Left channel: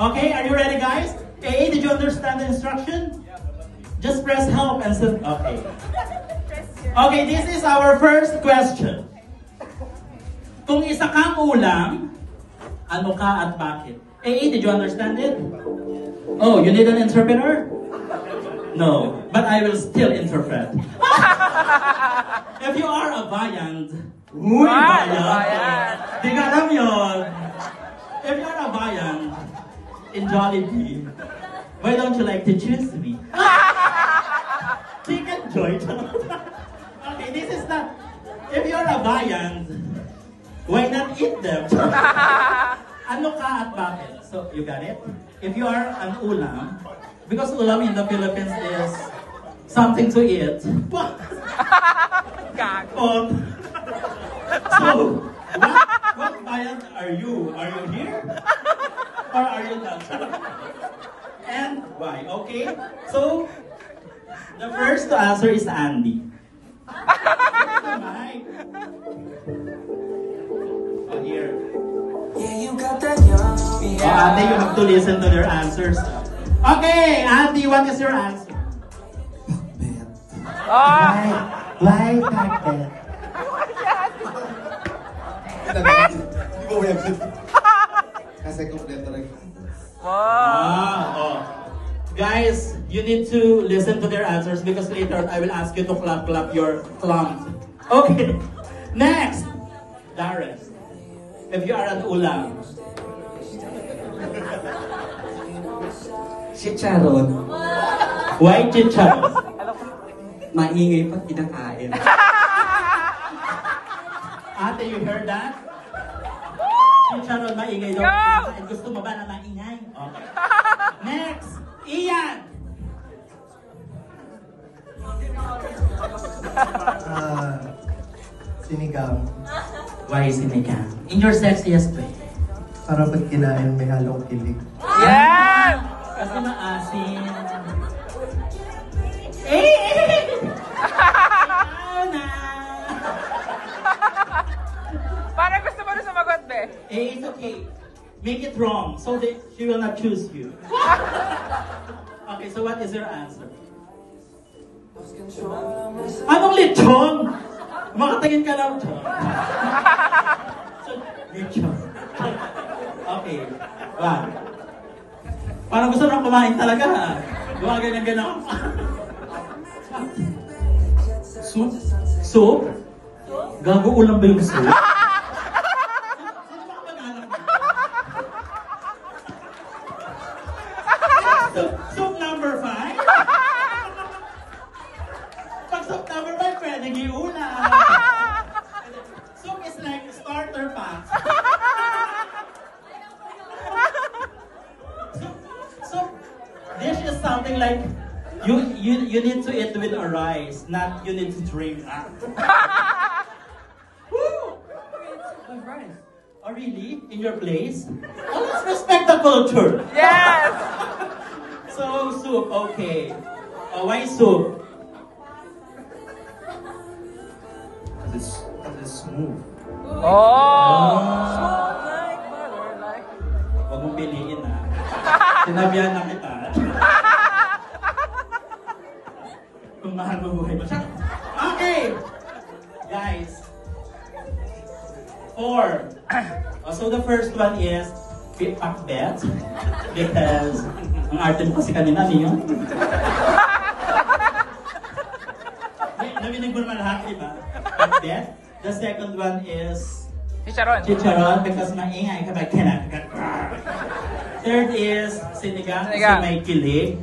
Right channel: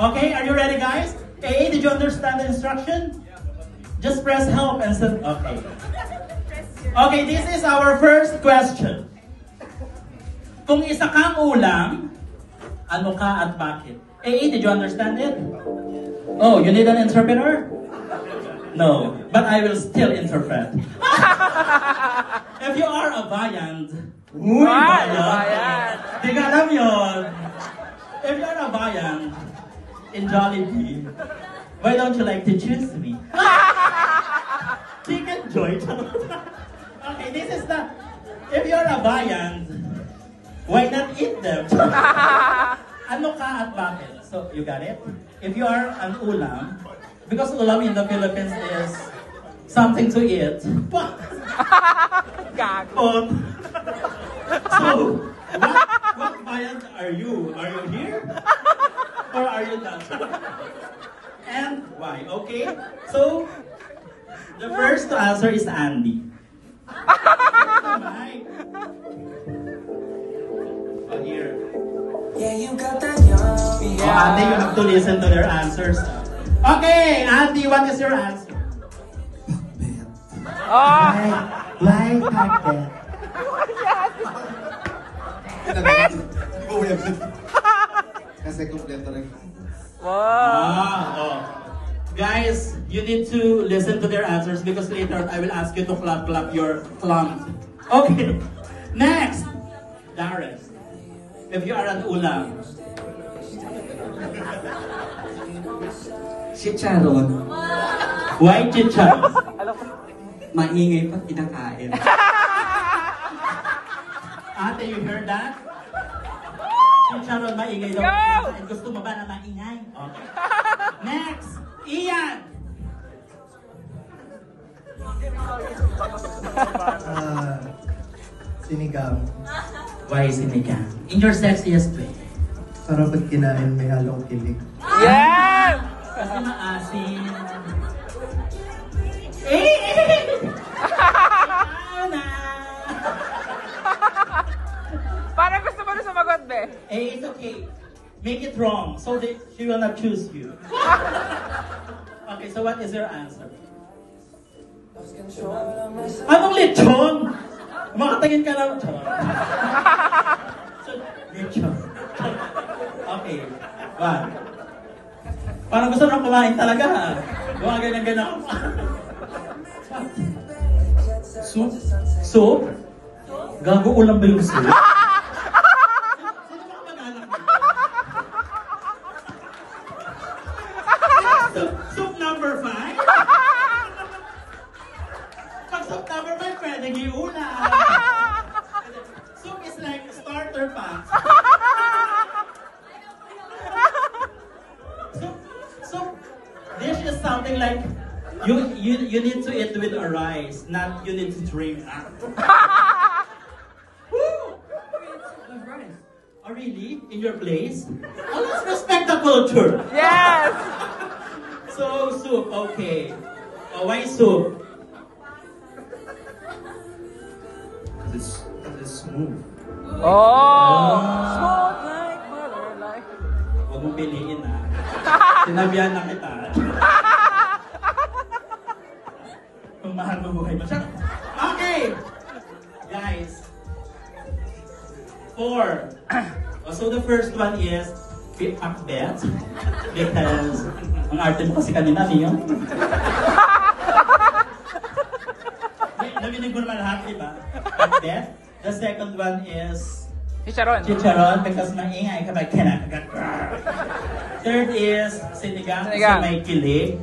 Okay, are you ready, guys? A, did you understand the instruction? Just press help and send. Okay. Okay, this is our first question. Kung isa kang ulam, ano ka at bakit? A, did you understand it? Oh, you need an interpreter? No, but I will still interpret. If you are a Viand, uy, Viand, di ka alam yun. If you are a Viand in Jollibee, why don't you like to choose me? Chicken Joy. Okay, this is the, if you're a Viand, why not eat them? Ano ka at bakit? So, you got it? If you are an ulam, because ulam in the Philippines is something to eat. What? So, what Viand are you? Are you here? Or are you not? And why? Okay? So, the first to answer is Andy. Oh, here. Yeah, you got that yummy. Oh, Andy, you have to listen to their answers. Okay, Andy, what is your answer? Why pakbet? Kasi kompleto lang. Oh. Guys, you need to listen to their answers because later I will ask you to clap your clump. Okay. Next, Darius. If you are an ulam. Chicharon. Why chicharon? Maingay pag kinakain. Ate, you heard that? Chicharon, maingay daw kinakain. Gusto mo ba na maingay? Okay. Next, Ian. Sinigang. Why sinigang? In your sexiest way. Para pag kinain may halong kilig. Yeah! Kasi maasin. Ana! Parang gusto mo na sumagot, be. It's okay. Make it wrong so that she will not choose you. Okay, so what is your answer? Anong lechon? Makatingin ka lang. So, lechon. Okay. Wow. Parang gusto nang kumain talaga. Huwag ganyan-ganyan. Soup? Soup? Gago ulam ba yung soup? Soup number 5? Pag soup number 5, pwede giulam. Soup is like starter packs. Soup dish is something like you need to eat with a rice, not you need to drink. Woo! With rice. Oh really? In your place? Oh, let's respect the culture. Yes! So, soup, okay. Why soup? It's smooth. Oh! Huwag mong piliin ha. Sinabihan na kita. Kung mahal mo buhay mo siya. Okay! Guys. 4. So the first one is pakbet. Because ang arte mo kasi kanina niyo. Naminig mo naman lahat, diba? Pakbet. The second one is Chicharon. chicharon because maingay kapag kinakagat. Third is sinigang kasi may kilig.